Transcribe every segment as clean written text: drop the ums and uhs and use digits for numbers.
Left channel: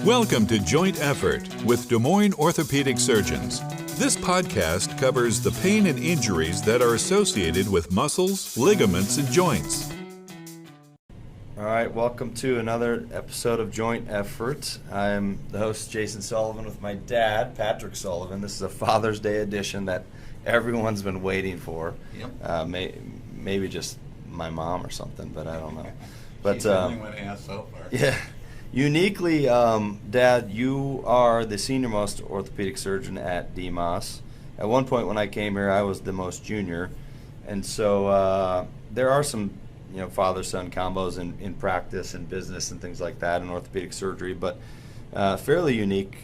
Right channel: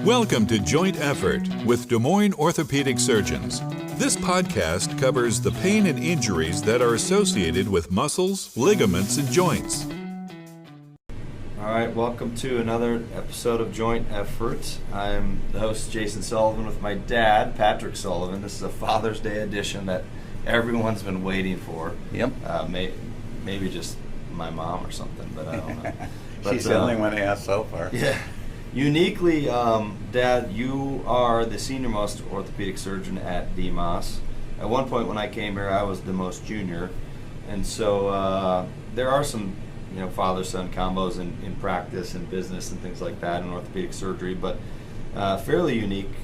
Welcome to Joint Effort with Des Moines orthopedic surgeons. This podcast covers the pain and injuries that are associated with muscles, ligaments, and joints. All right, welcome to another episode of Joint Effort. I'm the host, Jason Sullivan, with my dad, Patrick Sullivan. This is a Father's Day edition that everyone's been waiting for. Yep. Maybe just my mom or something, but I don't know. But, She's the only one asked so far. Yeah. Uniquely, Dad, you are the senior most orthopedic surgeon at DMOS. At one point when I came here, I was the most junior. And so there are some father-son combos in practice and business and things like that in orthopedic surgery, but fairly unique,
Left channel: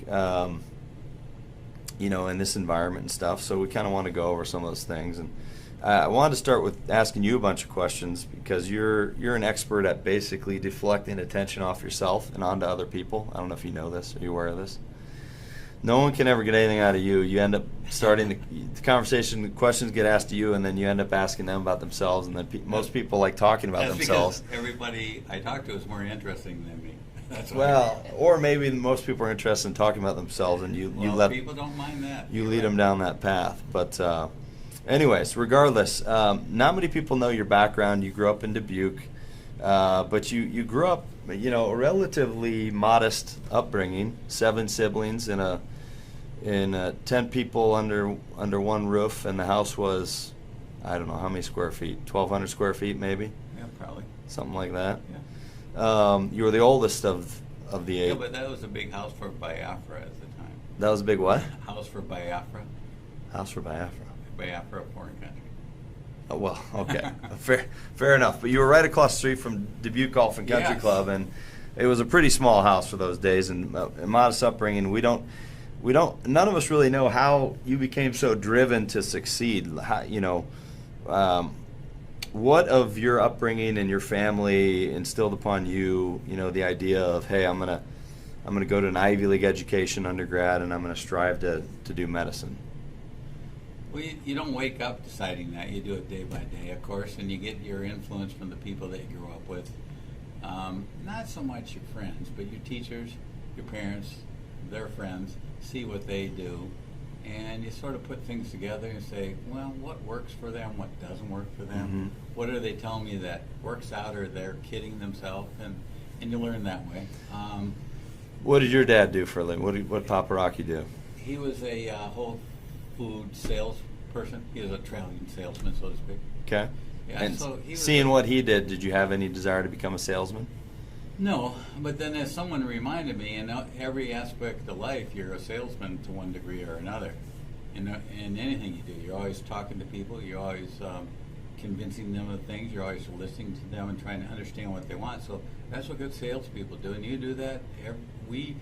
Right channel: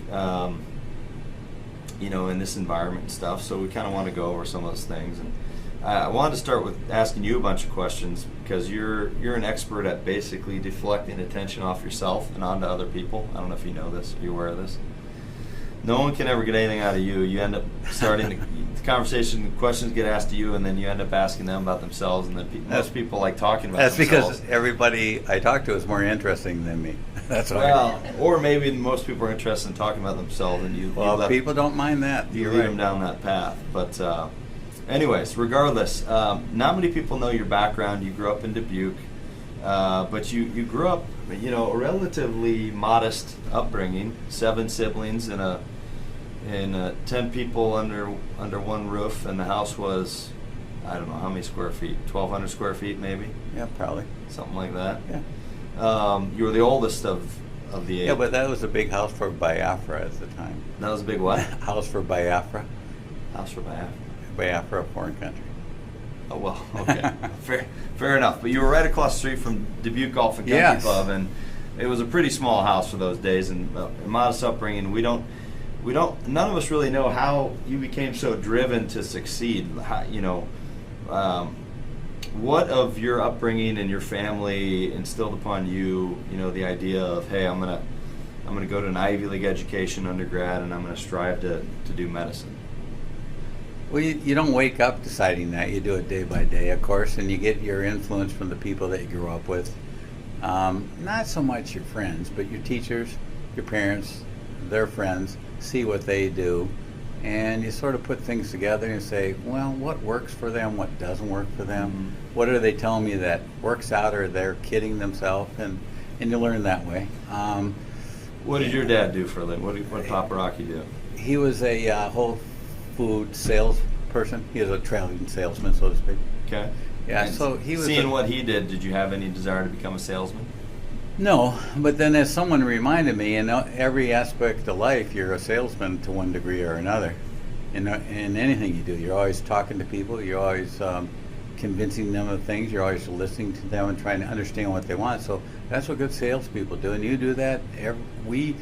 in this environment and stuff. So we kind of want to go over some of those things. And I wanted to start with asking you a bunch of questions because you're an expert at basically deflecting attention off yourself and onto other people. I don't know if you know this. Are you aware of this? No one can ever get anything out of you. You end up starting the conversation, the questions get asked to you, and then you end up asking them about themselves, and then most people like talking about themselves. That's because everybody I talk to is more interesting than me. That's why. Well, or maybe most people are interested in talking about themselves, and people don't mind that. You lead them down that path. But anyways, regardless, not many people know your background. You grew up in Dubuque, but you grew up, a relatively modest upbringing. 7 siblings in a 10 people under one roof, and the house was, I don't know how many square feet, 1,200 square feet maybe. Yeah, probably something like that. Yeah. You were the oldest of the 8. Yeah, but that was a big house for Biafra at the time. That was a big what? House for Biafra. House for Biafra. Biafra, a foreign country. Oh, well, okay. Fair enough. But you were right across the street from Dubuque Golf and Country Club, and it was a pretty small house for those days, and a modest upbringing. None of us really know how you became so driven to succeed. What of your upbringing and your family instilled upon you, the idea of, hey, I'm gonna go to an Ivy League education undergrad, and I'm gonna strive to do medicine? Well, you don't wake up deciding that. You do it day by day, of course, and you get your influence from the people that you grew up with. Not so much your friends, but your teachers, your parents, their friends, see what they do, and you sort of put things together and say, well, what works for them, what doesn't work for them, what are they telling me that works out, or they're kidding themselves, and you learn that way. What did your dad do for a living? What did Papa Rocky do? He was a whole food salesperson. He was a traveling salesman, so to speak. Okay. Yeah. And so he was. Seeing what he did you have any desire to become a salesman? No, but then as someone reminded me, in every aspect of life, you're a salesman to one degree or another. In anything you do, you're always talking to people. You're always convincing them of things. You're always listening to them and trying to understand what they want. So that's what good salespeople do, and you do that. If we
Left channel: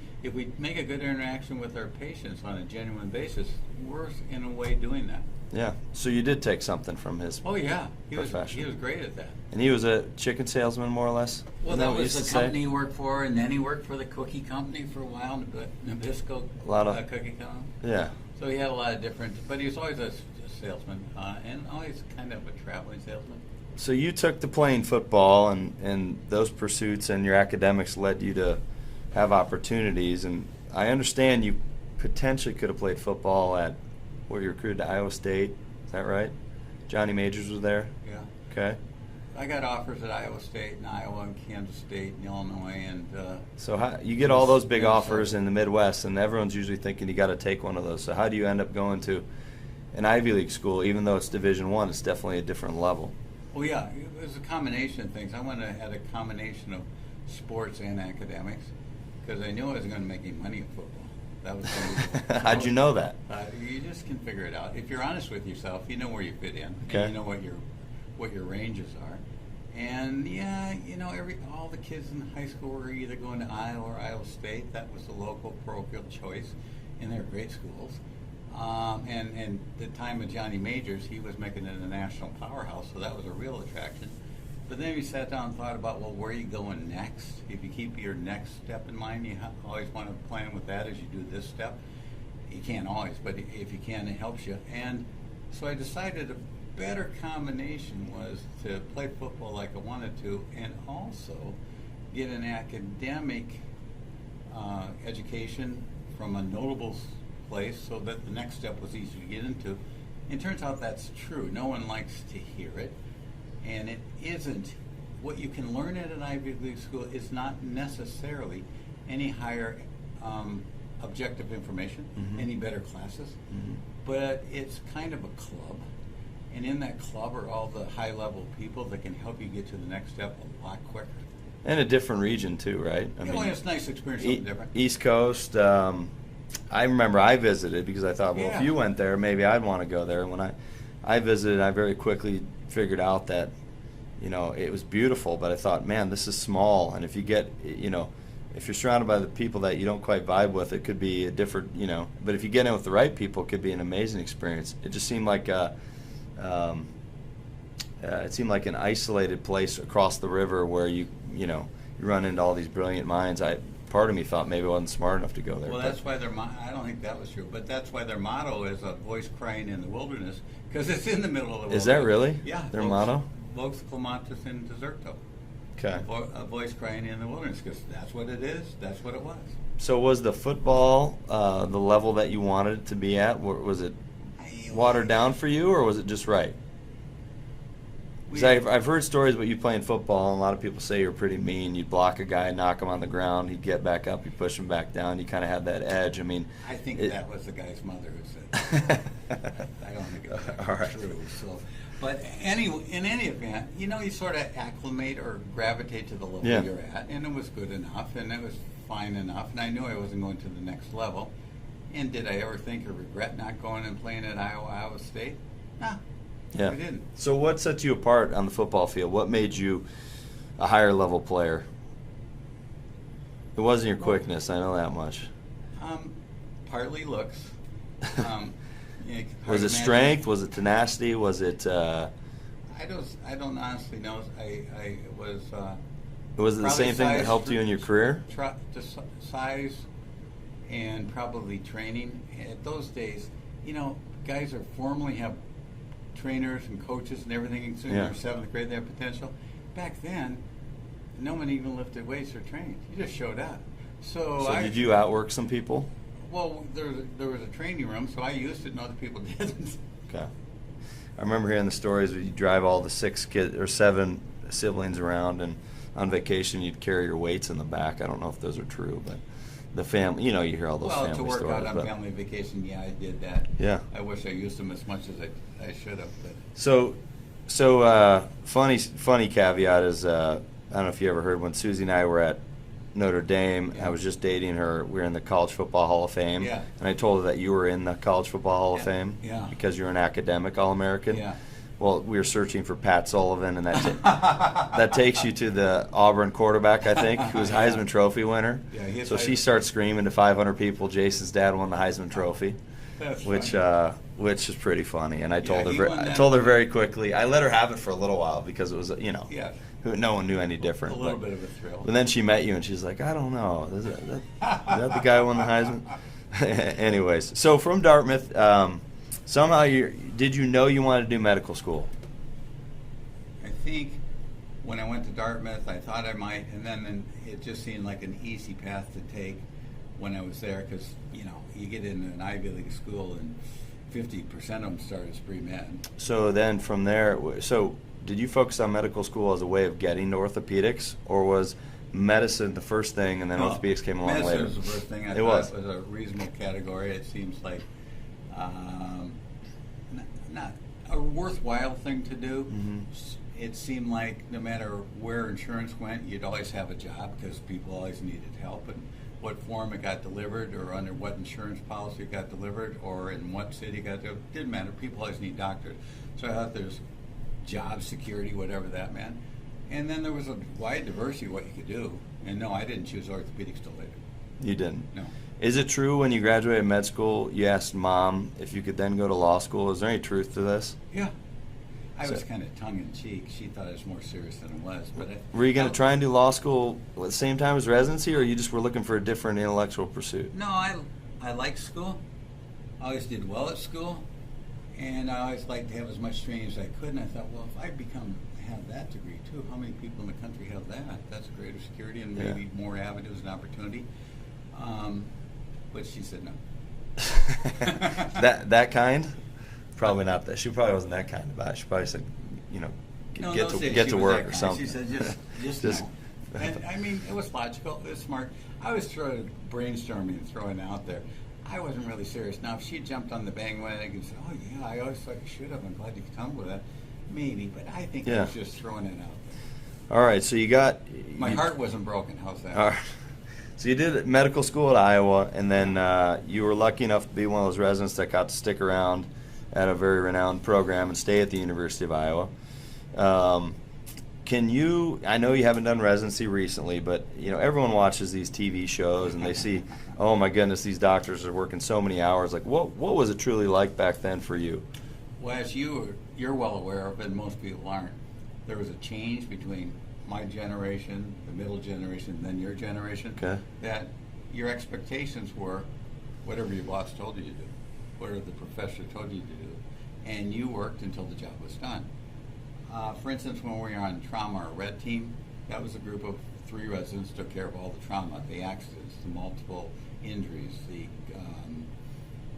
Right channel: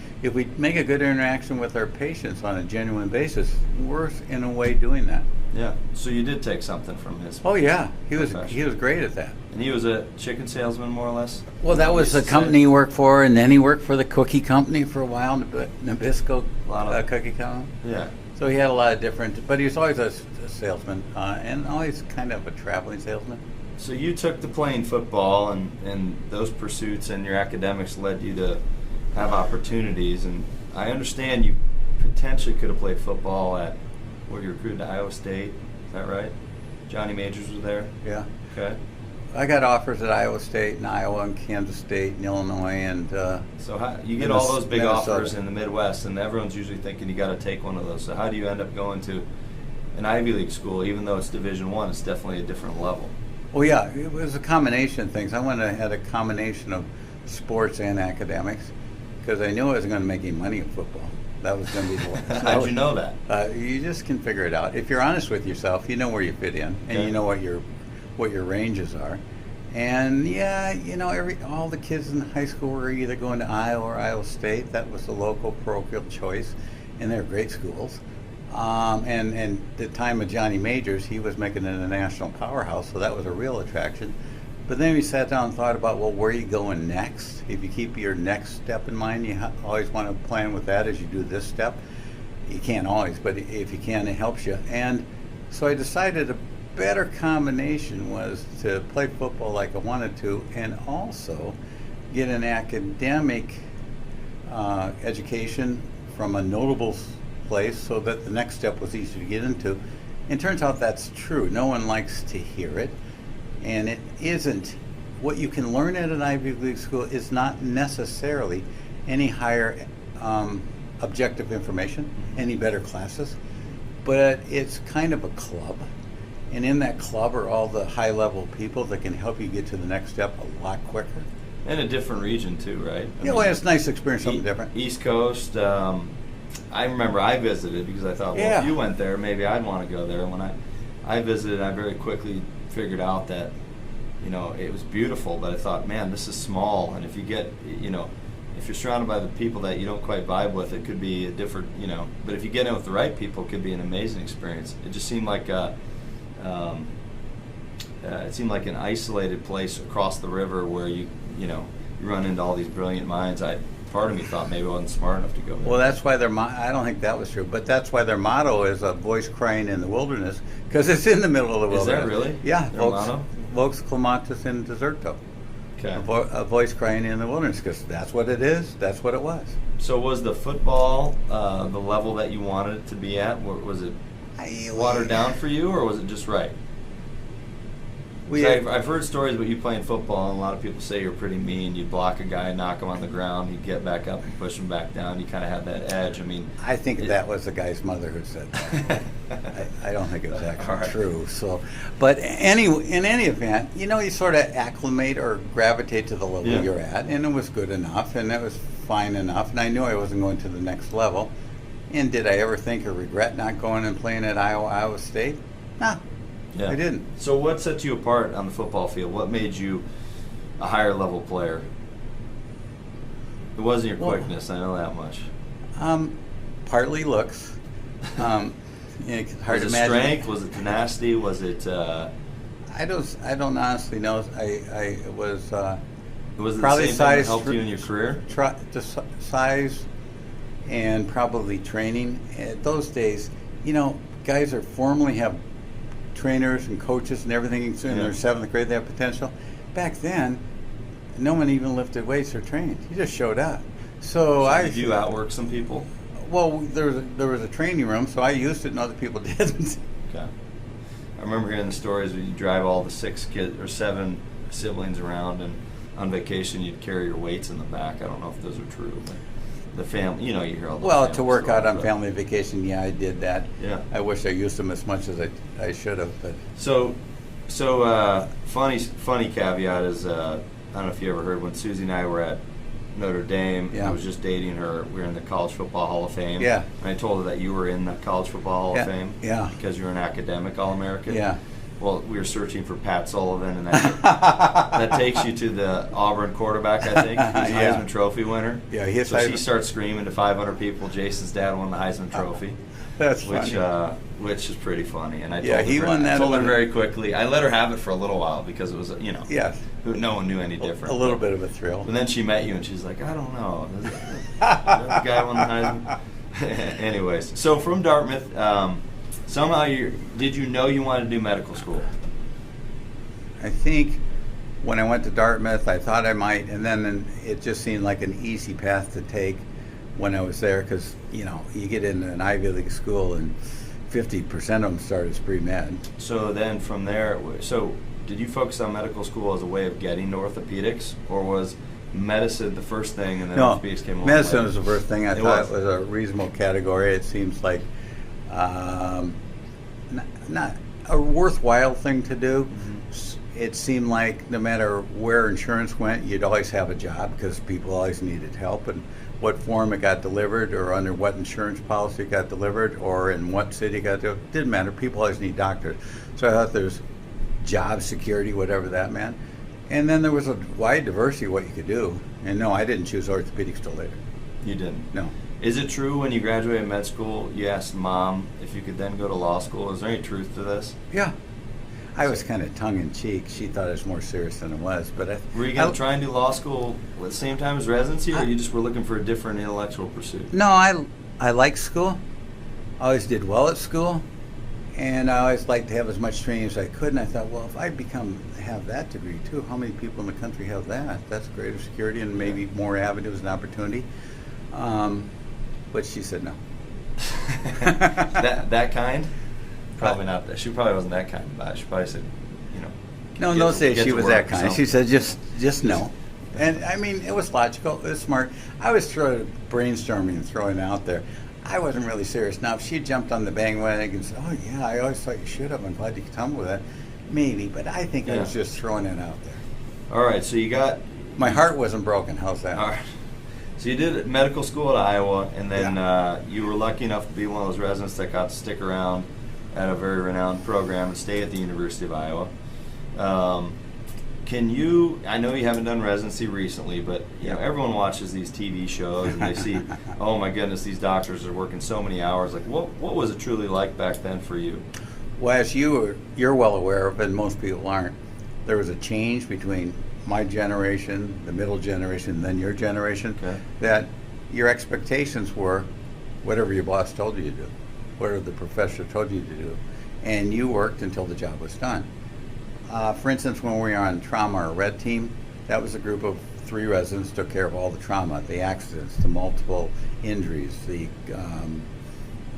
make a good interaction with our patients on a genuine basis, we're in a way doing that. Yeah. So you did take something from his. Oh yeah, he was great at that. And he was a chicken salesman, more or less. Well, that was the company he worked for, and then he worked for the cookie company for a while, Nabisco cookie company. Yeah. So he had a lot of different, but he was always a salesman, and always kind of a traveling salesman. So you took to playing football, and those pursuits and your academics led you to have opportunities. And I understand you potentially could have played football at, you recruited to Iowa State. Is that right? Johnny Majors was there? Yeah. Okay. I got offers at Iowa State and Iowa and Kansas State and Illinois and so you get all those big offers in the Midwest, and everyone's usually thinking you got to take one of those. So how do you end up going to an Ivy League school? Even though it's Division I, it's definitely a different level. Well, yeah, it was a combination of things. I had a combination of sports and academics because I knew I wasn't going to make any money in football. That was going to be the one. How'd you know that? You just can figure it out. If you're honest with yourself, you know where you fit in, and you know what your ranges are. And yeah, all the kids in high school were either going to Iowa or Iowa State. That was the local parochial choice, and they're great schools. And the time of Johnny Majors, he was making it a national powerhouse, so that was a real attraction. But then we sat down and thought about, well, where are you going next? If you keep your next step in mind, you always want to plan with that as you do this step. You can't always, but if you can, it helps you. And so I decided a better combination was to play football like I wanted to, and also get an academic education from a notable place so that the next step was easy to get into. And turns out that's true. No one likes to hear it. And it isn't. What you can learn at an Ivy League school is not necessarily any higher objective information, any better classes, but it's kind of a club. And in that club are all the high-level people that can help you get to the next step a lot quicker. And a different region too, right? Yeah, well, it's nice to experience something different. East Coast. I remember I visited because I thought, well, if you went there, maybe I'd want to go there. And when I visited, I very quickly figured out that, you know, it was beautiful, but I thought, man, this is small. And if you get, you know, if you're surrounded by the people that you don't quite vibe with, it could be a different, you know. But if you get in with the right people, it could be an amazing experience. It just seemed like it seemed like an isolated place across the river where you run into all these brilliant minds. Part of me thought maybe I wasn't smart enough to go there. Well, that's why I don't think that was true, but that's why their motto is a voice crying in the wilderness, because it's in the middle of the wilderness. Is that really? Yeah. Their motto? Vox clamatis in deserto. Okay. A voice crying in the wilderness, because that's what it is. That's what it was. So was the football the level that you wanted it to be at? Was it watered down for you, or was it just right? I've heard stories about you playing football, and a lot of people say you're pretty mean. You'd block a guy, knock him on the ground, he'd get back up and push him back down. You kind of had that edge. I mean, I think that was the guy's mother who said that. I don't think it was actually true. So, but in any event, you know, you sort of acclimate or gravitate to the level you're at, and it was good enough, and it was fine enough, and I knew I wasn't going to the next level. And did I ever think or regret not going and playing at Iowa State? No. Yeah. I didn't. So what set you apart on the football field? What made you a higher level player? It wasn't your quickness, I know that much. Partly looks. Was it strength? Was it tenacity? Was it? I don't honestly know. I was. Was it the same thing that helped you in your career? Just size, and probably training. At those days, you know, guys are formally have trainers and coaches and everything in their 7th grade. They have potential. Back then, no one even lifted weights or trained. You just showed up. So did you outwork some people? Well, there was a training room, so I used it and other people didn't. Okay. I remember hearing the stories where you drive all the 6 kids or 7 siblings around, and on vacation you'd carry your weights in the back. I don't know if those are true, but the family, you know, you hear all those. Well, to work out on family vacation, yeah, I did that. Yeah. I wish I used them as much as I should have. But so funny caveat is I don't know if you ever heard when Susie and I were at Notre Dame. Yeah. I was just dating her. We were in the College Football Hall of Fame. Yeah. And I told her that you were in the College Football Hall of Fame. Yeah. Because you're an academic All-American. Yeah. Well, we were searching for Pat Sullivan, and that takes you to the Auburn quarterback, I think, who's Heisman Trophy winner. Yeah, he is. So she starts screaming to 500 people, Jason's dad won the Heisman Trophy. That's funny. Which is pretty funny. And I told her very quickly. I let her have it for a little while because it was, you know, no one knew any different. A little bit of a thrill. And then she met you, and she's like, I don't know. Is that the guy who won the Heisman? Anyways, so from Dartmouth, somehow did you know you wanted to do medical school? I think when I went to Dartmouth, I thought I might, and then it just seemed like an easy path to take when I was there, because, you know, you get into an Ivy League school and 50% of them start as pre-med. So then from there, did you focus on medical school as a way of getting to orthopedics, or was medicine the first thing and then orthopedics came along medicine later? was the first thing. I thought it was a reasonable category. It seems like not a worthwhile thing to do. Mm-hmm. It seemed like no matter where insurance went, you'd always have a job because people always needed help, and what form it got delivered or under what insurance policy it got delivered or in what city it got delivered, didn't matter. People always need doctors. So I thought there's job security, whatever that meant. And then there was a wide diversity of what you could do. And no, I didn't choose orthopedics till later. You didn't? No. Is it true when you graduated med school, you asked Mom if you could then go to law school? Is there any truth to this? Yeah. I was kind of tongue-in-cheek. She thought it was more serious than it was. But were you going to try and do law school at the same time as residency, or you just were looking for a different intellectual pursuit? No, I liked school. I always did well at school. And I always liked to have as much training as I could. And I thought, well, if I have that degree too, how many people in the country have that? That's greater security and maybe more avenues and opportunity. But she said no. that kind? Probably not. She probably wasn't that kind of it. She probably said, No, get no, to- say get she to was work that or kind. something. She said just no. And I mean, it was logical. It was smart. I was brainstorming and throwing it out there. I wasn't really serious. Now, if she jumped on the bandwagon and said, "Oh yeah, I always thought you should have. I'm glad you could come with that," maybe. But I think I was just throwing it out there. All right, so you got... My heart wasn't broken. How's that? All right. So you did medical school at Iowa, and then you were lucky enough to be one of those residents that got to stick around at a very renowned program and stay at the University of Iowa. I know you haven't done residency recently, but everyone watches these TV shows and they see, oh my goodness, these doctors are working so many hours. Like, what was it truly like back then for you? Well, as you're well aware of, and most people aren't, there was a change between my generation, the middle generation, and then your generation. Okay. That your expectations were whatever your boss told you to do, whatever the professor told you to do, and you worked until the job was done. For instance, when we were on trauma or red team, that was a group of 3 residents took care of all the trauma, the accidents, the multiple injuries, the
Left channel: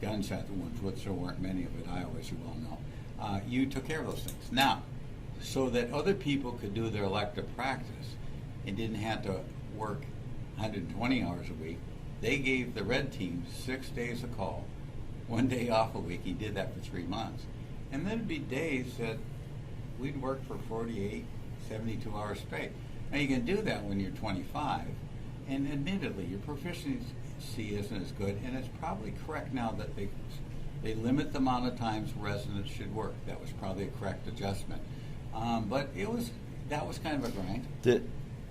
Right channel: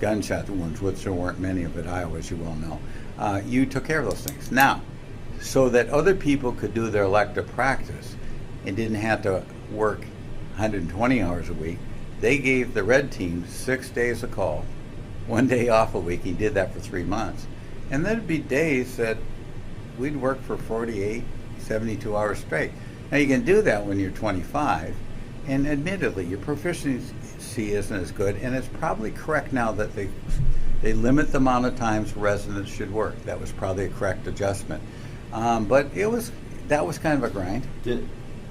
gunshot wounds, which there weren't many of at Iowa, as you well know. You took care of those things. Now, so that other people could do their elective practice and didn't have to work 120 hours a week, they gave the red team 6 days of call, 1 day off a week. He did that for 3 months. And there'd be days that we'd work for 48, 72 hours straight. Now you can do that when you're 25, and admittedly your proficiency isn't as good, and it's probably correct now that they limit the amount of times residents should work. That was probably a correct adjustment. But that was kind of a grind.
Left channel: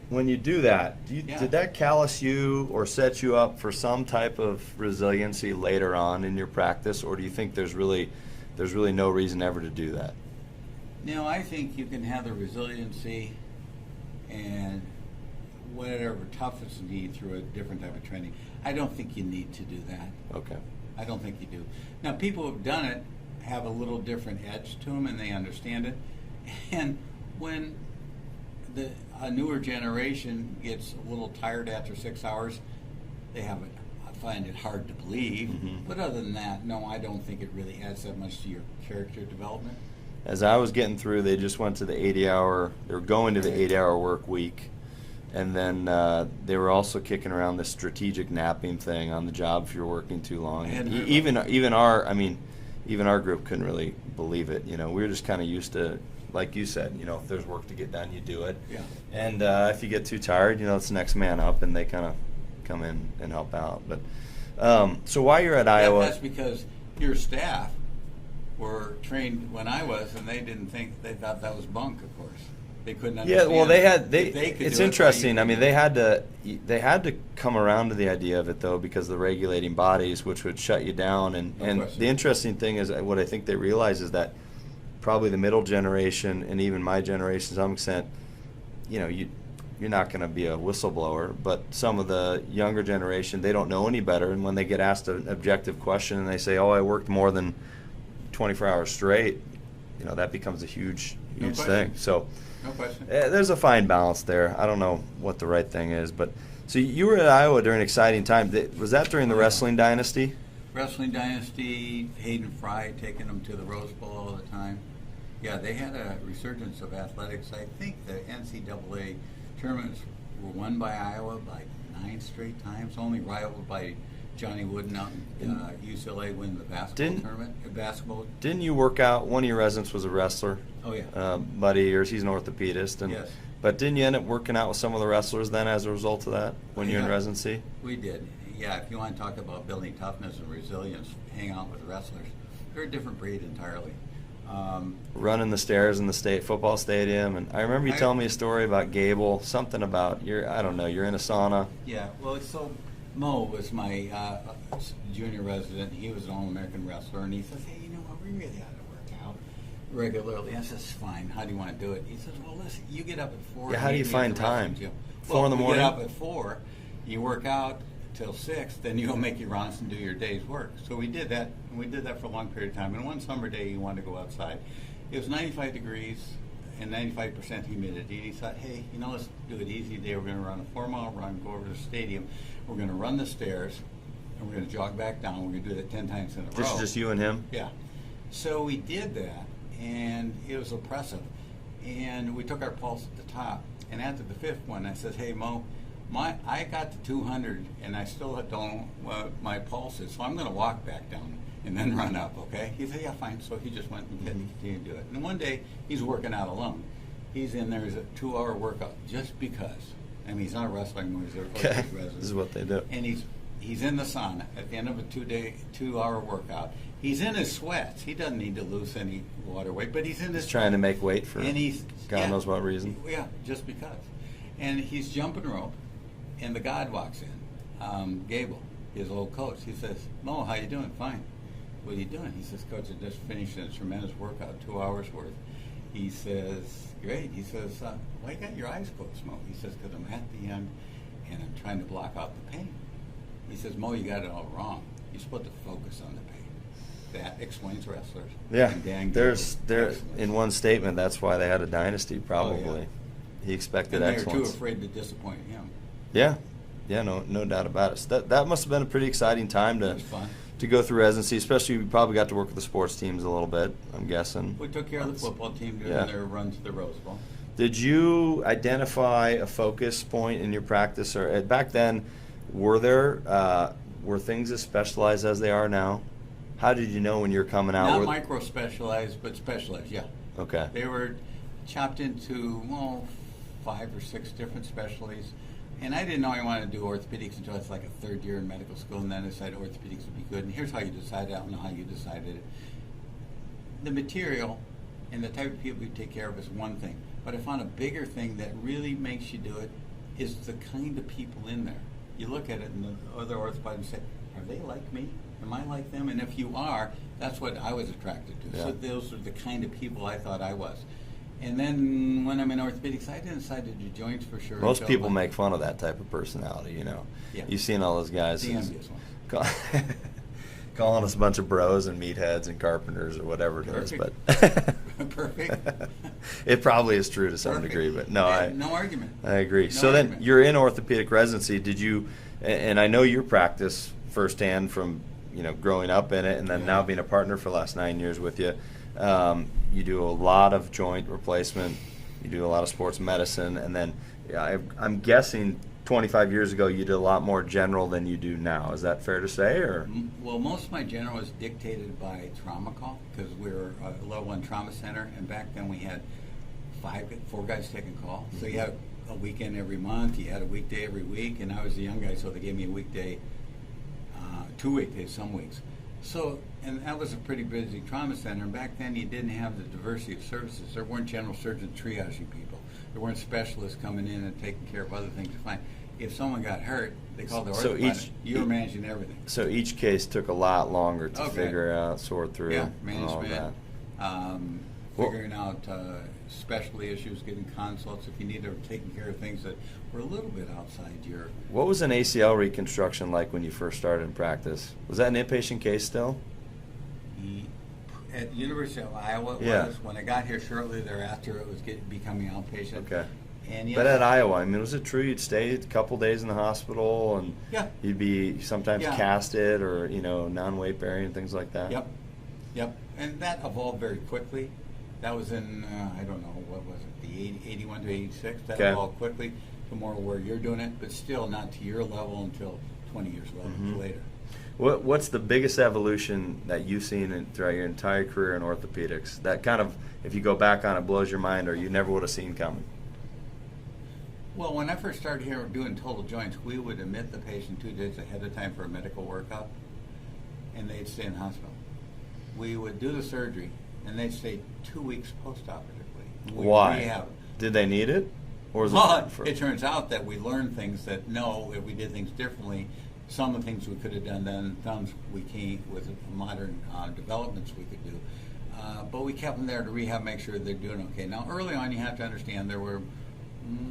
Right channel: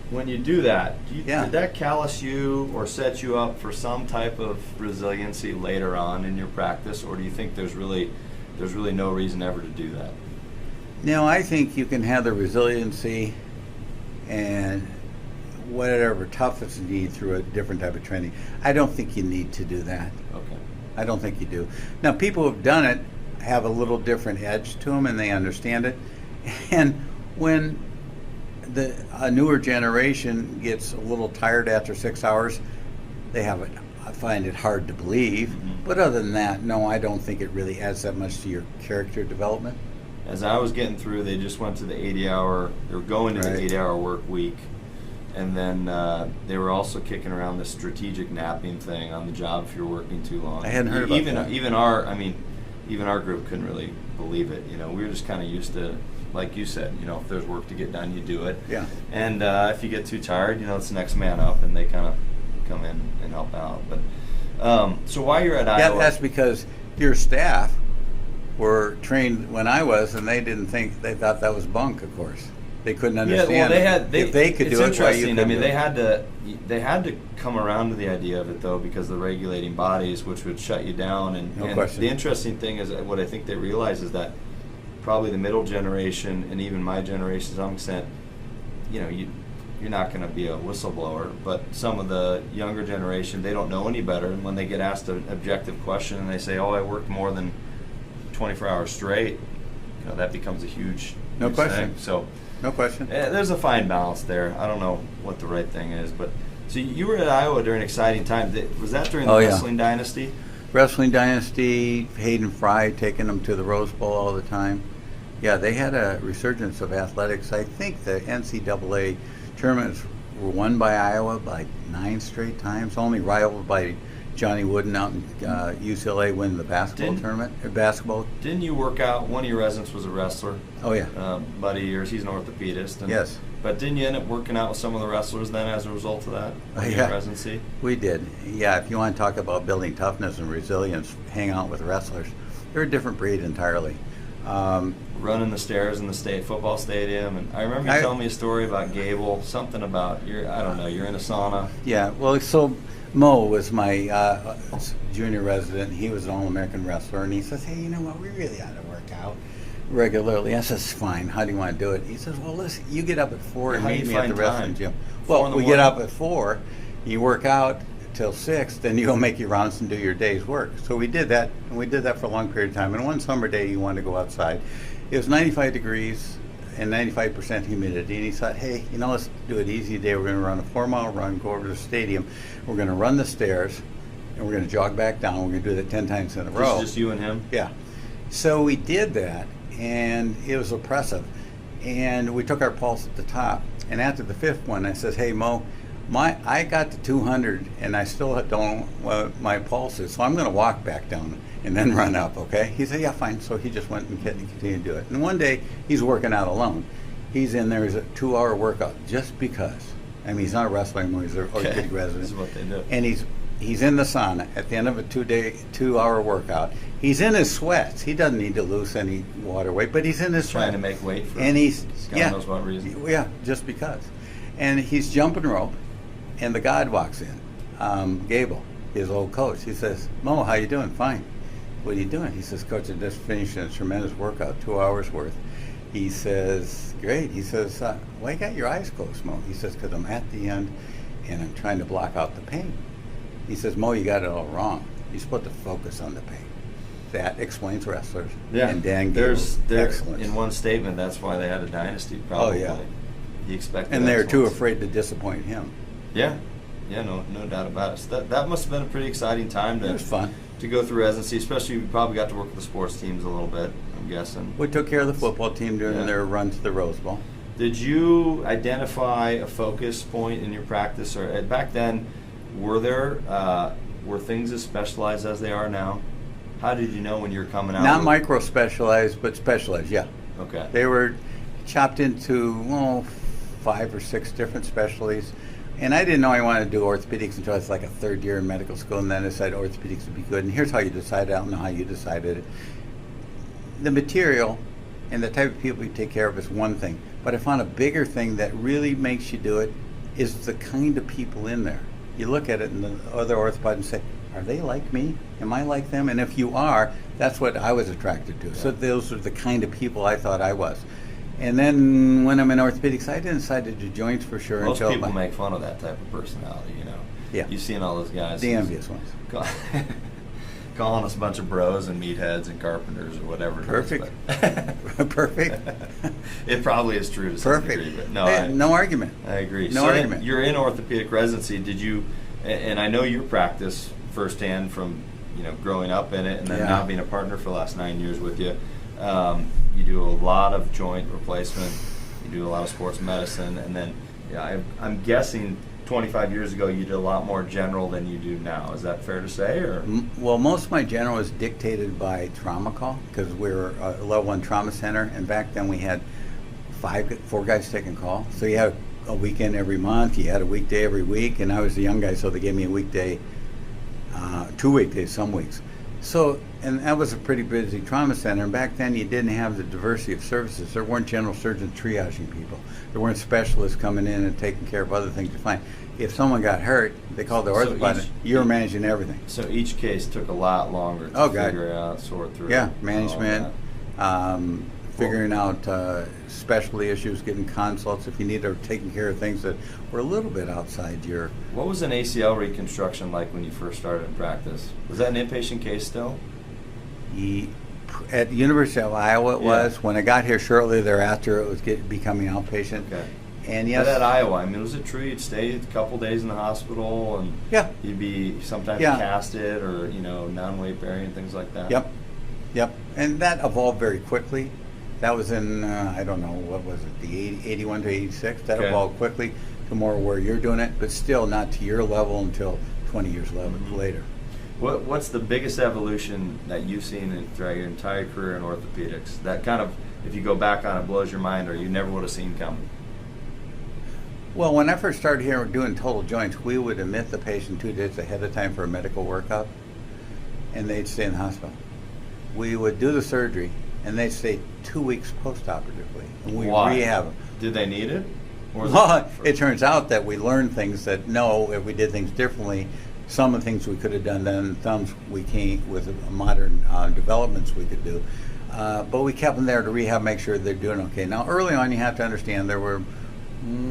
When you do that, Yeah. did that callous you or set you up for some type of resiliency later on in your practice, or do you think there's really no reason ever to do that? No, I think you can have the resiliency and whatever toughness you need through a different type of training. I don't think you need to do that. Okay. I don't think you do. Now, people who've done it have a little different edge to them, and they understand it. And when a newer generation gets a little tired after 6 hours, I find it hard to believe. Mm-hmm. But other than that, no, I don't think it really adds that much to your character development. As I was getting through, they just went to the 80-hour. They were going to the Right. 80-hour work week, and then they were also kicking around this strategic napping thing on the job if you're working too long. I hadn't heard about that. Even our group couldn't really believe it. We were just kind of used to, like you said, if there's work to get done, you do it. Yeah. And if you get too tired, it's the next man up, and they kind of come in and help out. But so while you're at Iowa, That's because your staff were trained when I was, and they thought that was bunk, of course. They couldn't understand. Yeah, well, if they could it's do it, interesting. why I you mean, couldn't they had to come around to the idea of it though, because the regulating bodies, which would shut you down, and question. the interesting thing is what I think they realize is that probably the middle generation and even my generation, to some extent, you're not going to be a whistleblower, but some of the younger generation, they don't know any better, and when they get asked an objective question and they say, "Oh, I worked more than 24 hours straight," that becomes a huge No question. thing. So. No question. There's a fine balance there. I don't know what the right thing is, but so you were at Iowa during an exciting time. Was that during the Oh, yeah. wrestling dynasty? Wrestling dynasty, Hayden Fry taking them to the Rose Bowl all the time. Yeah, they had a resurgence of athletics. I think the NCAA tournaments were won by Iowa by 9 straight times, only rivaled by Johnny Wooden out in UCLA winning the basketball tournament. Basketball. Didn't you work out? One of your residents was a wrestler. Oh yeah. Buddy of yours, he's an orthopedist. And, Yes. But didn't you end up working out with some of the wrestlers then as a result of that when you were in residency? We did. Yeah, if you want to talk about building toughness and resilience, hang out with wrestlers. They're a different breed entirely. Running the stairs in the state football stadium, and I remember you telling me a story about Gable, something about you're in a sauna. Yeah, well, so Mo was my junior resident. He was an All-American wrestler, and he says, "Hey, you know what? We really ought to work out regularly." I says, "Fine. How do you want to do it?" He says, "Well, listen, you get up at 4 and How do you meet me at find the wrestling time? gym." 4 in Well, the we morning? get up at 4, you work out till 6, then you go make your rounds and do your day's work. So we did that, and we did that for a long period of time. And one summer day, you wanted to go outside. It was 95 degrees, and 95% humidity. And he thought, hey, let's do it easy today. We're going to run a 4-mile run, go over to the stadium. We're going to run the stairs, and we're going to jog back down. We're going to do that 10 times in a row. Just you and him? Yeah. So we did that, and it was oppressive. And we took our pulse at the top. And after the 5th one, I says, hey, Mo, I got to 200, and I still don't know what my pulse is, so I'm going to walk back down and then run up, okay? He said, yeah, fine. So he just went and continued to do it. And one day, he's working out alone. He's in there, it's a 2-hour workout just because. I mean, he's not a wrestler anymore. He's an orthopedic resident. This is what they do. And he's in the sauna at the end of a 2-hour workout. He's in his sweats. He doesn't need to lose any water weight, but he's in his trying to make weight for and he's God knows what reason. Yeah, just because. And he's jumping rope, and the guide walks in, Gable, his old coach. He says, Mo, how you doing? Fine. What are you doing? He says, Coach, I just finished a tremendous workout, 2 hours worth. He says, great. He says, why you got your eyes closed, Mo? He says, because I'm at the end, and I'm trying to block out the pain. He says, Mo, you got it all wrong. You're supposed to focus on the pain. That explains wrestlers. Yeah, and Dan there's excellence. In one statement, that's why they had a dynasty, probably. Oh, yeah. He expected and they're too excellence. afraid to disappoint him. Yeah, no doubt about it. So that must have been a pretty exciting time It was fun. to go through residency, especially you probably got to work with the sports teams a little bit, I'm guessing. We took care of the football team during their run to the Rose Bowl. Did you identify a focus point in your practice, or back then, were things as specialized as they are now? How did you know when you were coming out? Not micro-specialized, but specialized, yeah. Okay. They were chopped into, 5 or 6 different specialties. And I didn't know I wanted to do orthopedics until I was like a 3rd year in medical school, and then I decided orthopedics would be good. And here's how you decide. I don't know how you decided it. The material and the type of people you take care of is one thing. But I found a bigger thing that really makes you do it is the kind of people in there. You look at it in the other orthopods and say, are they like me? Am I like them? And if you are, that's what I was attracted to. Yeah. So those are the kind of people I thought I was. And then when I'm in orthopedics, I didn't decide to do joints for sure. Most people make fun of that type of personality, Yeah. You've seen all those guys. The envious ones. Calling us a bunch of bros and meatheads and carpenters or whatever. Perfect. Perfect. It probably is true to some degree, but no. No argument. I agree. No so argument. You're in orthopedic residency. Did you, and I know your practice firsthand from growing up in it and then now being a partner for the last 9 years with you. You do a lot of joint replacement. You do a lot of sports medicine, and then I'm guessing 25 years ago you did a lot more general than you do now. Is that fair to say? Or well, most of my general is dictated by trauma call because we're a level 1 trauma center, and back then we had 4 guys taking call. So you had a weekend every month. You had a weekday every week, and I was the young guy, so they gave me a weekday, 2 weekdays some weeks. So, and that was a pretty busy trauma center. And back then, you didn't have the diversity of services. There weren't general surgeons triaging people. There weren't specialists coming in and taking care of other things to find. If someone got hurt, they called the orthopedist. You were managing everything. So each case took a lot longer to figure out, sort through. Yeah, management, figuring out specialty issues, getting consults if you need, or taking care of things that were a little bit outside your... What was an ACL reconstruction like when you first started in practice? Was that an inpatient case still? At the University of Iowa it was. When I got here shortly thereafter, it was becoming outpatient. Okay. And yes, but at Iowa, I mean, was it true you'd stay a couple days in the hospital and you'd be sometimes casted or, non-weight bearing and things like that? Yep. And that evolved very quickly. That was in, I don't know, what was it, the 81 to 86? That evolved quickly to more where you're doing it, but still not to your level until 20 years later. What's the biggest evolution that you've seen throughout your entire career in orthopedics? That kind of, if you go back on it, blows your mind or you never would have seen coming? Well, when I first started here doing total joints, we would admit the patient 2 days ahead of time for a medical workup, and they'd stay in the hospital. We would do the surgery, and they'd stay 2 weeks post-operatively. And we'd rehab them. Did they need it? Or it turns out that we learned things that, if we did things differently, some of the things we could have done then, some we came with modern developments we could do. But we kept them there to rehab, make sure they're doing okay. Now, early on, you have to understand there were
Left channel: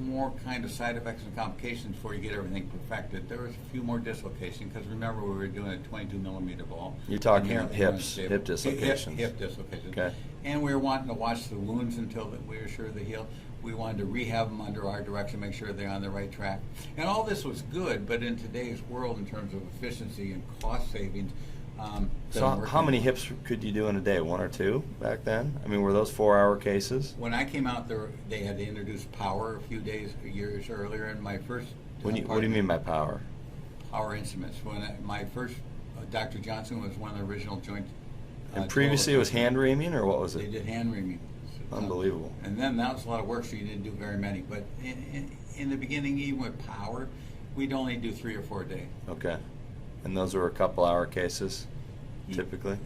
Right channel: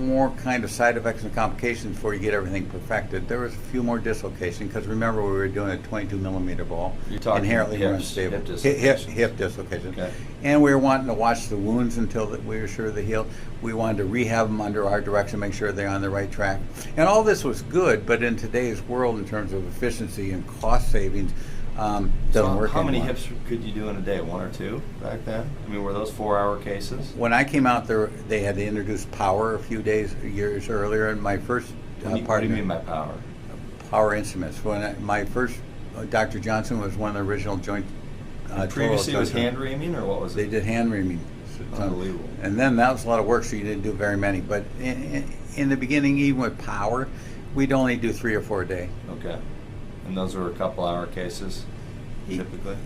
more kind of side effects and complications before you get everything perfected. There was a few more dislocation because remember we were doing a 22 millimeter ball. You're talking inherently hips, unstable. hip dislocations. Hip dislocations. Okay. And we were wanting to watch the wounds until we were sure they healed. We wanted to rehab them under our direction, make sure they're on the right track. And all this was good, but in today's world, in terms of efficiency and cost savings, doesn't work how many anymore. hips could you do in a day? 1 or 2 back then? I mean, were those 4-hour cases? When I came out there, they had to introduce power a few years earlier. And my first What do you mean by power? power instruments. My first Dr. Johnson was one of the original joint. And previously it was hand reaming, or what was it? They did hand reaming. Unbelievable. And then that was a lot of work, so you didn't do very many. But in the beginning, even with power, we'd only do 3 or 4 a day. Okay. And those were a couple-hour cases, typically?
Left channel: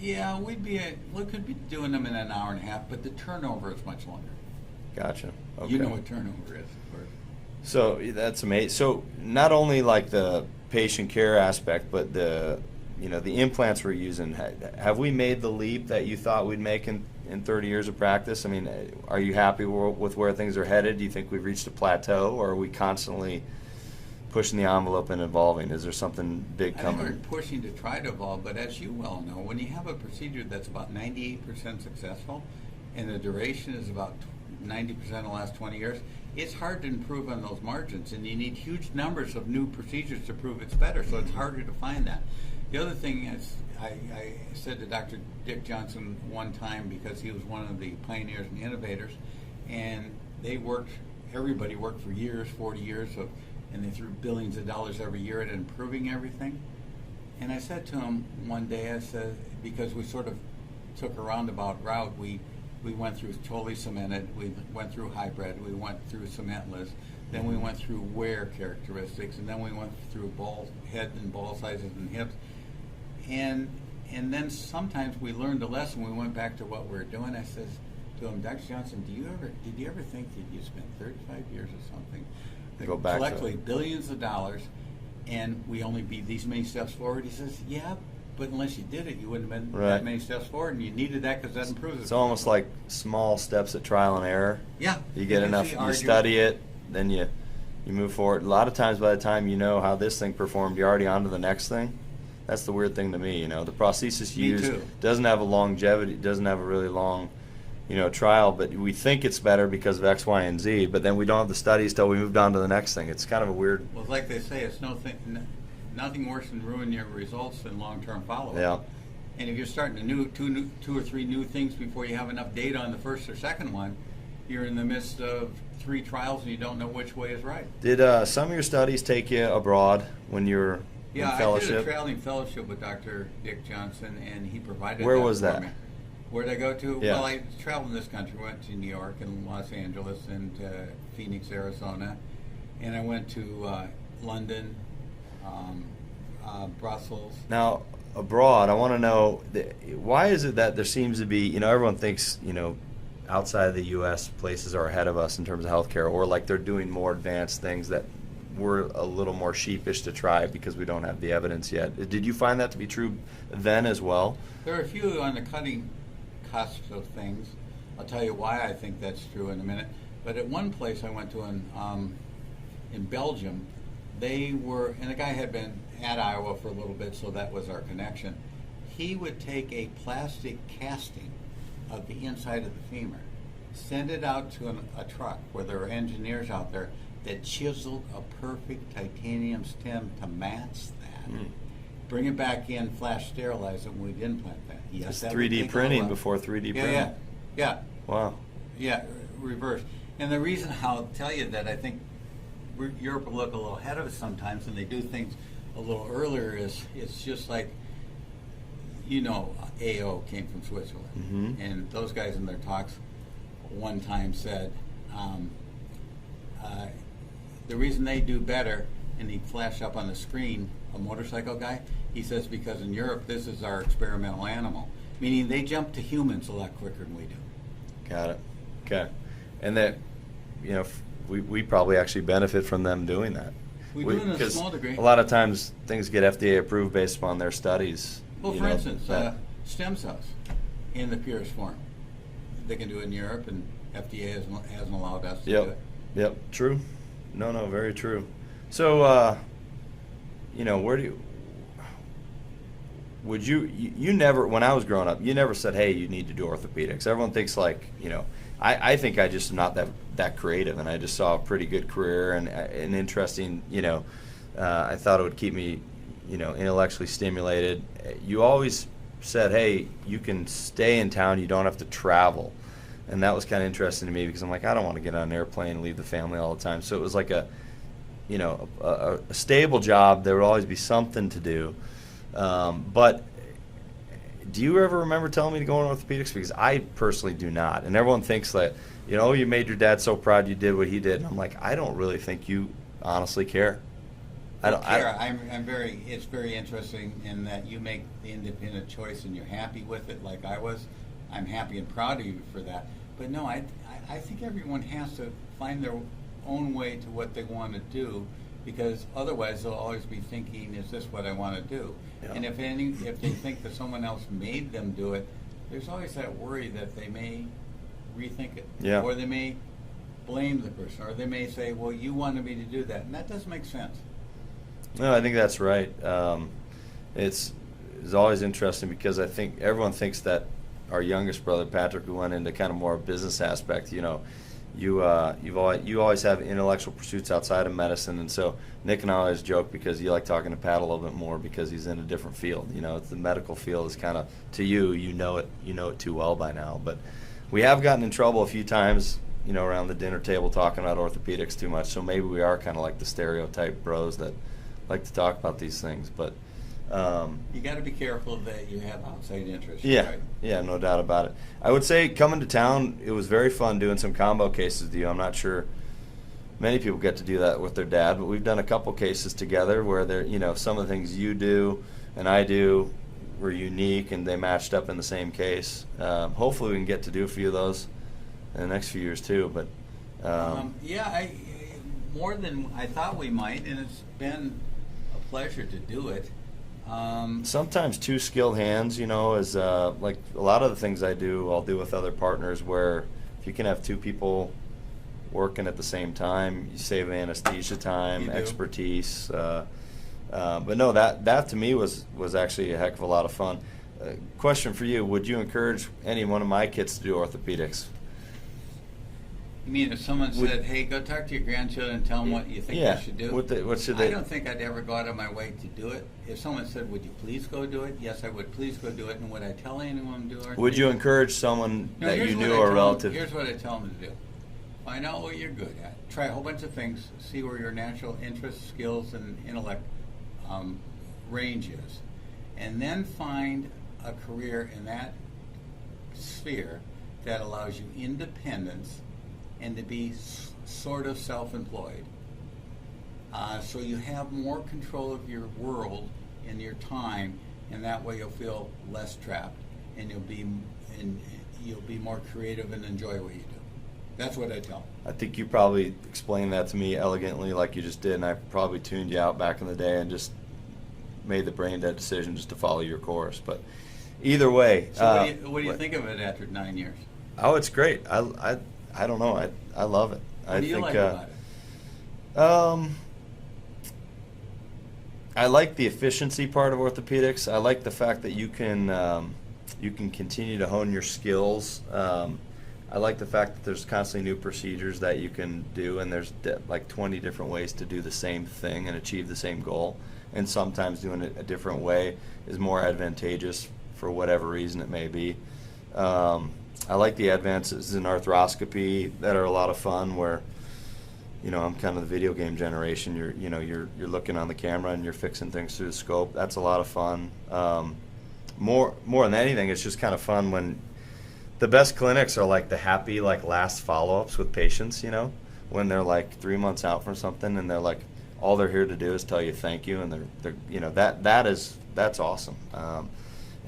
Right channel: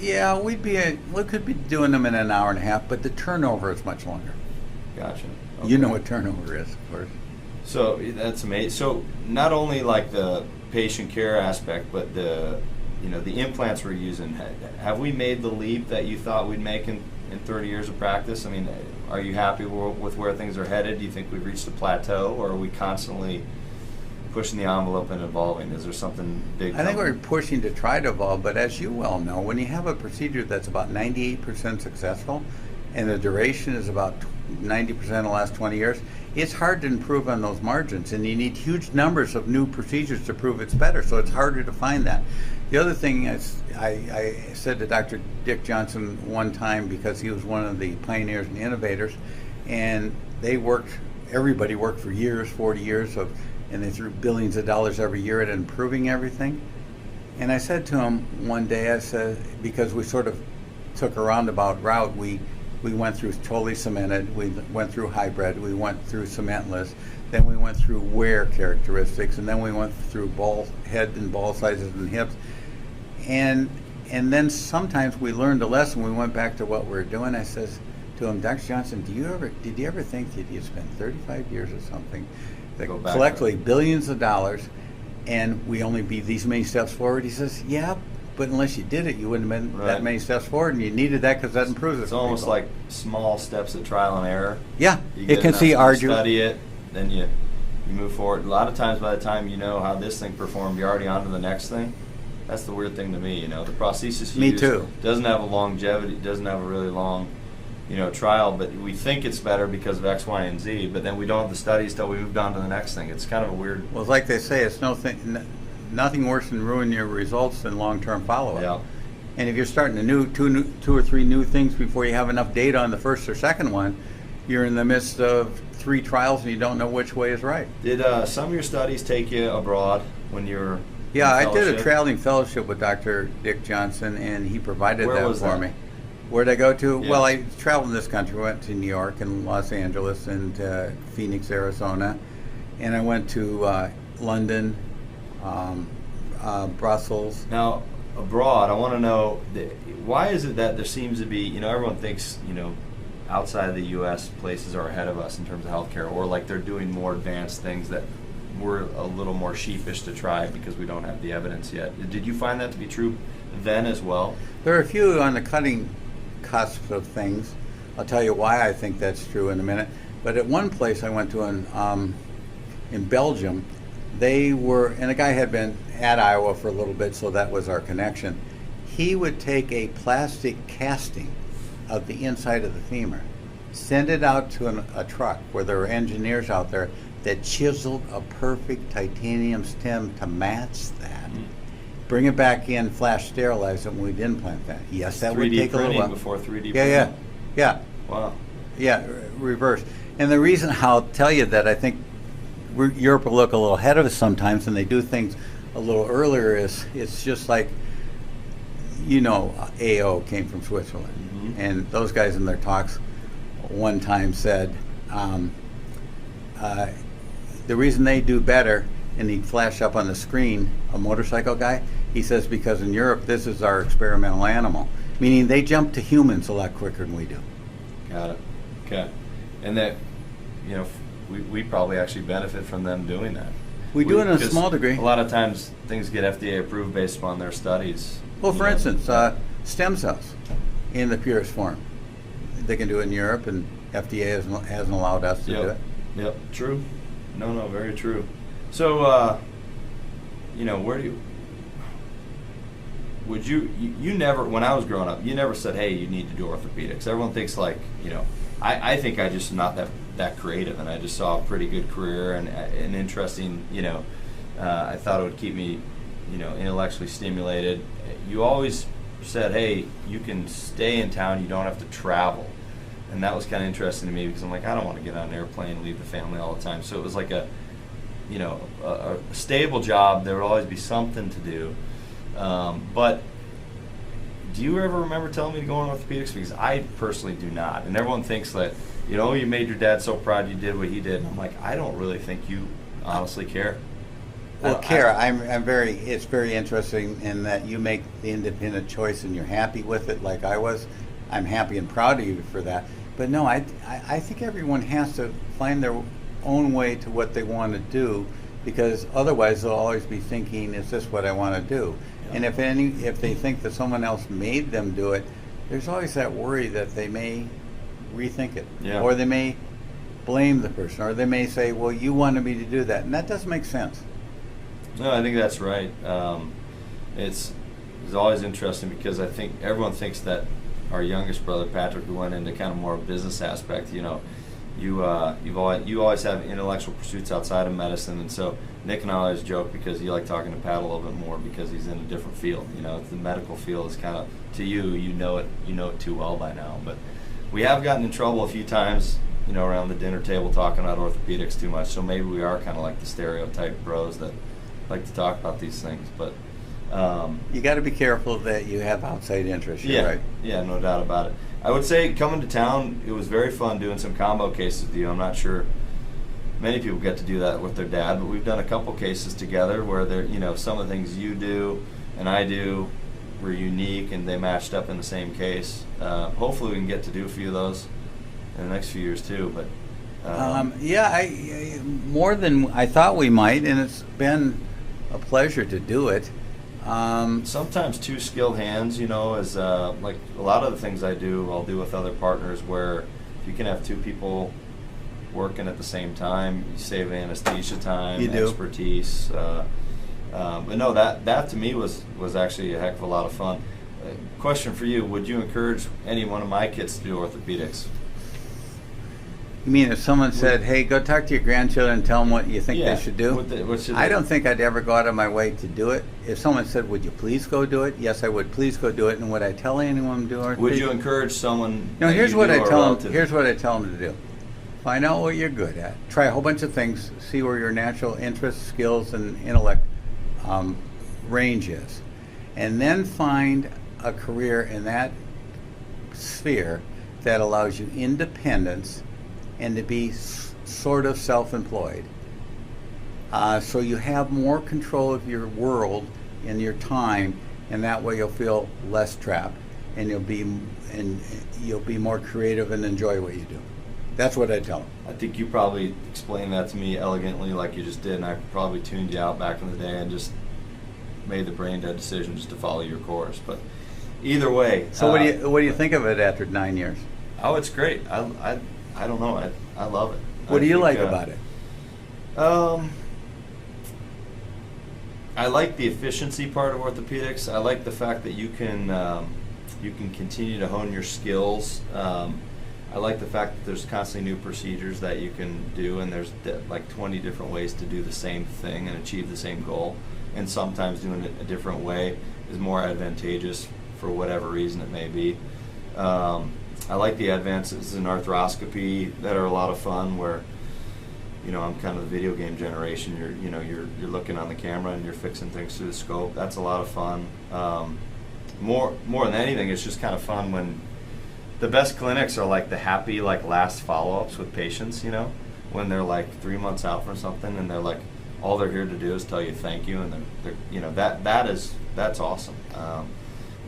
Yeah, we could be doing them in an hour and a half, but the turnover is much longer. Gotcha. Okay. You know what turnover is, of course. So that's amazing. So not only like the patient care aspect, but the implants we're using. Have we made the leap that you thought we'd make in 30 years of practice? I mean, are you happy with where things are headed? Do you think we've reached a plateau, or are we constantly pushing the envelope and evolving? Is there something big coming? I think we're pushing to try to evolve, but as you well know, when you have a procedure that's about 98% successful and the duration is about 90% in the last 20 years, it's hard to improve on those margins, and you need huge numbers of new procedures to prove it's better, so it's harder to find that. The other thing is, I said to Dr. Dick Johnson one time, because he was one of the pioneers and innovators, and everybody worked for years, 40 years and they threw billions of dollars every year at improving everything. And I said to him one day, I said, because we sort of took a roundabout route, we went through totally cemented, we went through hybrid, we went through cementless, then we went through wear characteristics, and then we went through head and ball sizes and hips. And then sometimes we learned a lesson, we went back to what we were doing. I says to him, Dr. Johnson, did you ever think that you spent 35 years or something, that collectively billions of dollars, and we only be these many steps forward? He says, yeah, but unless you did it, you wouldn't have been that many steps forward, and you needed that because that improves it. It's almost like small steps of trial and error. Yeah, it can see arduous. You study it, then you move forward. A lot of times, by the time you know how this thing performed, you're already on to the next thing. That's the weird thing to me. The prosthesis you use doesn't have a longevity, doesn't have a really long, trial, but we think it's better because of X, Y, and Z, but then we don't have the studies till we moved on to the next thing. It's kind of a weird. Well, like they say, it's nothing worse than ruining your results than long-term follow-up. Yeah. And if you're starting two or three new things before you have enough data on the first or second one, you're in the midst of 3 trials and you don't know which way is right. Did some of your studies take you abroad when you were? Yeah, I did a traveling fellowship with Dr. Dick Johnson, and he provided Where that was for that? me. Where'd I go to? Yeah. Well, I traveled in this country. Went to New York and Los Angeles and Phoenix, Arizona, and I went to London, Brussels. Now, abroad, I want to know, why is it that there seems to be, everyone thinks, outside of the U.S. places are ahead of us in terms of healthcare, or like they're doing more advanced things that we're a little more sheepish to try because we don't have the evidence yet. Did you find that to be true then as well? There are a few on the cutting cusp of things. I'll tell you why I think that's true in a minute. But at one place I went to in Belgium, and the guy had been at Iowa for a little bit, so that was our connection. He would take a plastic casting of the inside of the femur, send it out to a truck where there were engineers out there that chiseled a perfect titanium stem to match that. Bring it back in, flash sterilize it, and we'd implant that. Yes, that would take a little while. 3D printing before 3D printing. Yeah. Wow. Yeah, reverse. And the reason I'll tell you that I think Europe will look a little ahead of us sometimes, and they do things a little earlier, is it's just like, AO came from Switzerland. Mm-hmm. And those guys in their talks one time said, the reason they do better, and he'd flash up on the screen, a motorcycle guy, he says, because in Europe, this is our experimental animal. Meaning they jump to humans a lot quicker than we do. Got it. Okay. And that, we probably actually benefit from them doing that. We do it in a small degree. A lot of times things get FDA approved based upon their studies. Well, for instance, stem cells in the purest form. They can do it in Europe, and FDA hasn't allowed us to do it. Yep, true. No, very true. So, you never, when I was growing up, you never said, hey, you need to do orthopedics. Everyone thinks like, I think I just am not that creative, and I just saw a pretty good career and an interesting, I thought it would keep me, intellectually stimulated. You always said, hey, you can stay in town, you don't have to travel. And that was kind of interesting to me because I'm like, I don't want to get on an airplane and leave the family all the time. So it was like a stable job. There would always be something to do. But do you ever remember telling me to go on orthopedics? Because I personally do not. And everyone thinks that, you made your dad so proud you did what he did. And I'm like, I don't really think you honestly care. Well, it's very interesting in that you make the independent choice and you're happy with it like I was. I'm happy and proud of you for that. But no, I think everyone has to find their own way to what they want to do, because otherwise they'll always be thinking, is this what I want to do? Yeah. And if they think that someone else made them do it, there's always that worry that they may rethink it. Yeah. Or they may blame the person, or they may say, well, you wanted me to do that, and that doesn't make sense. No, I think that's right. It's always interesting because I think everyone thinks that our youngest brother Patrick, who went into kind of more business aspect, you always have intellectual pursuits outside of medicine, and so Nick and I always joke because you like talking to Pat a little bit more because he's in a different field. The medical field is kind of, to you know it too well by now. But we have gotten in trouble a few times, around the dinner table talking about orthopedics too much. So maybe we are kind of like the stereotype bros that like to talk about these things, but. You got to be careful that you have outside interests. Right? Yeah, no doubt about it. I would say coming to town, it was very fun doing some combo cases with you. I'm not sure many people get to do that with their dad, but we've done a couple cases together where some of the things you do and I do were unique and they matched up in the same case. Hopefully we can get to do a few of those in the next few years too. But more than I thought we might, and it's been a pleasure to do it. Sometimes two skilled hands, is like a lot of the things I'll do with other partners, where if you can have two people working at the same time, you save anesthesia time, expertise. But no, that to me was actually a heck of a lot of fun. Question for you: would you encourage any one of my kids to do orthopedics? You mean if someone said, hey, go talk to your grandchildren and tell them what you think they should do? What should I don't think I'd ever go out of my way to do it. If someone said, would you please go do it? Yes, I would. Please go do it. And would I tell anyone to do it? Would you encourage someone? No, here's what I tell them to do. Find out what you're good at. Try a whole bunch of things. See where your natural interests, skills, and intellect range is. And then find a career in that sphere that allows you independence and to be sort of self-employed. So you have more control of your world and your time, and that way you'll feel less trapped, and you'll be more creative and enjoy what you do. That's what I tell them. I think you probably explained that to me elegantly like you just did, and I probably tuned you out back in the day and just made the brain dead decision just to follow your course. But either way. So what do you think of it after 9 years? Oh, it's great. I don't know. I love it. What do you like about it? I like the efficiency part of orthopedics. I like the fact that you can continue to hone your skills. I like the fact that there's constantly new procedures that you can do, and there's like 20 different ways to do the same thing and achieve the same goal. And sometimes doing it a different way is more advantageous for whatever reason it may be. I like the advances in arthroscopy that are a lot of fun, where I'm kind of the video game generation. You're looking on the camera and you're fixing things through the scope. That's a lot of fun. More than anything, it's just kind of fun when the best clinics are like the happy last follow-ups with patients. When they're like 3 months out from something and they're like, all they're here to do is tell you thank you, and that's awesome.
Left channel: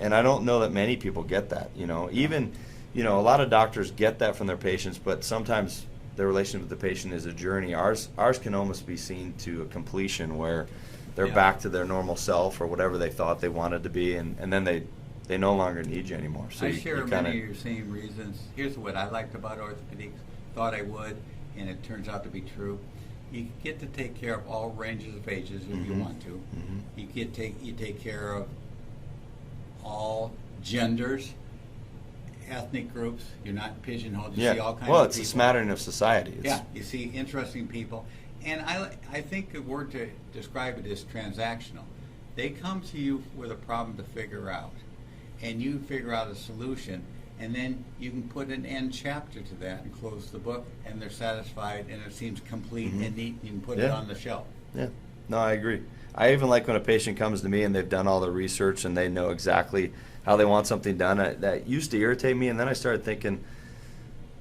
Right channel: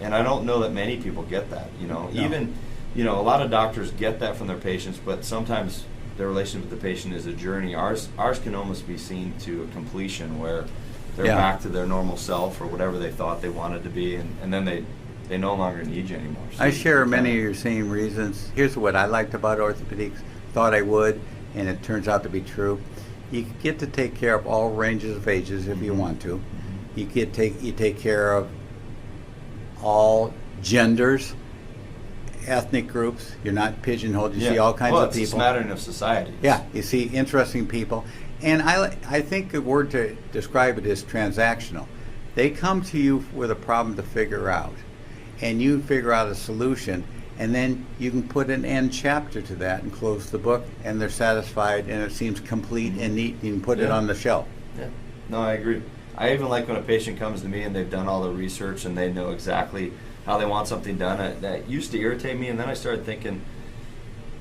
And I don't know that many people get that. Even. A lot of doctors get that from their patients, but sometimes their relationship with the patient is a journey. Ours can almost be seen to a completion where they're back to their normal self or whatever they thought they wanted to be, and then they no longer need you anymore. So I share many of your same reasons. Here's what I liked about orthopedics, thought I would, and it turns out to be true, you get to take care of all ranges of ages if you want to. You take care of all genders, ethnic groups. You're not pigeonholed. You see all kinds of people. It's a smattering of society. Yeah, you see interesting people. And I think the word to describe it is transactional. They come to you with a problem to figure out, and you figure out a solution, and then you can put an end chapter to that and close the book, and they're satisfied, and it seems complete and neat. You can put it on the shelf. Yeah, no, I agree. I even like when a patient comes to me and they've done all the research and they know exactly how they want something done. That used to irritate me, and then I started thinking,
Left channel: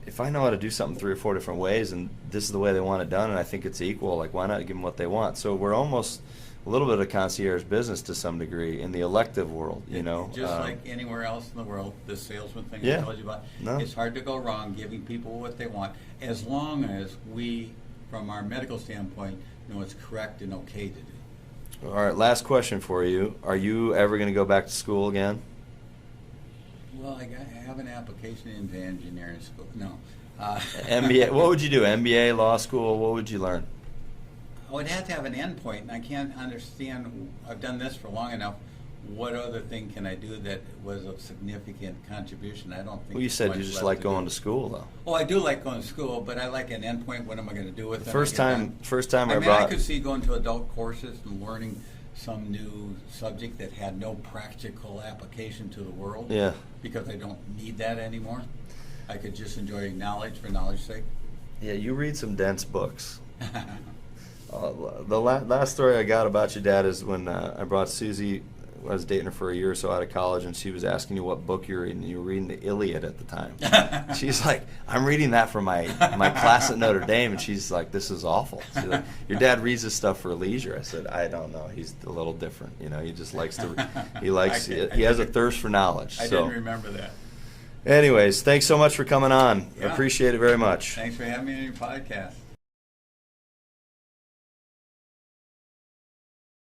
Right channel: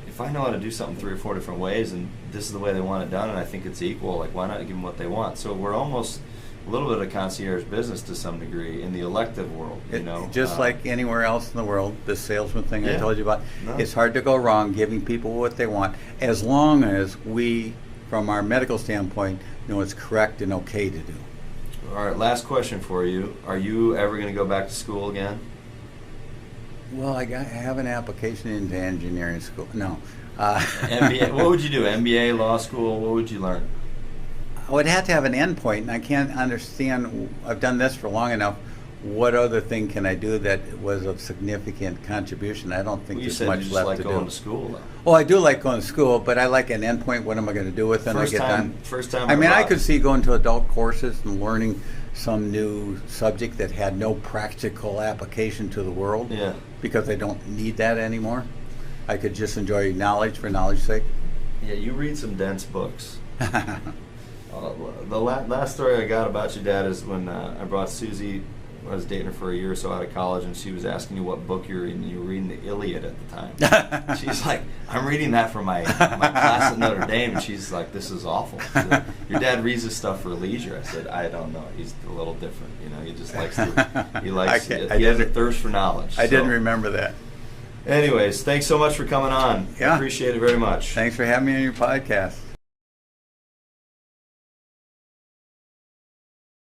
if I know how to do something 3 or 4 different ways, and this is the way they want it done, and I think it's equal, like, why not give them what they want? So we're almost a little bit of concierge business to some degree in the elective world, you know. Just like anywhere else in the world, the salesman thing I told you about, it's hard to go wrong giving people what they want, as long as we, from our medical standpoint, know it's correct and okay to do. All right, last question for you. Are you ever going to go back to school again? Well, I have an application into engineering school. No. MBA. What would you do? MBA, law school? What would you learn? I would have to have an end point, and I can't understand. I've done this for long enough. What other thing can I do that was of significant contribution? I don't think there's much left to do. You said you just like going to school, though. Well, I do like going to school, but I like an end point. What am I going to do with it? First time. I could see going to adult courses and learning some new subject that had no practical application to the world. Yeah. Because I don't need that anymore. I could just enjoy knowledge for knowledge's sake. Yeah, you read some dense books. The last story I got about your dad is when I brought Susie. I was dating her for a year or so out of college, and she was asking you what book you're reading. You were reading the Iliad at the time. She's like, I'm reading that for my class at Notre Dame, and she's like, this is awful. Like, your dad reads this stuff for leisure. I said, I don't know. He's a little different. You know, he just likes to. He has a thirst for knowledge. I didn't remember that. Anyways, thanks so much for coming on. Yeah. I appreciate it very much. Thanks for having me on your podcast.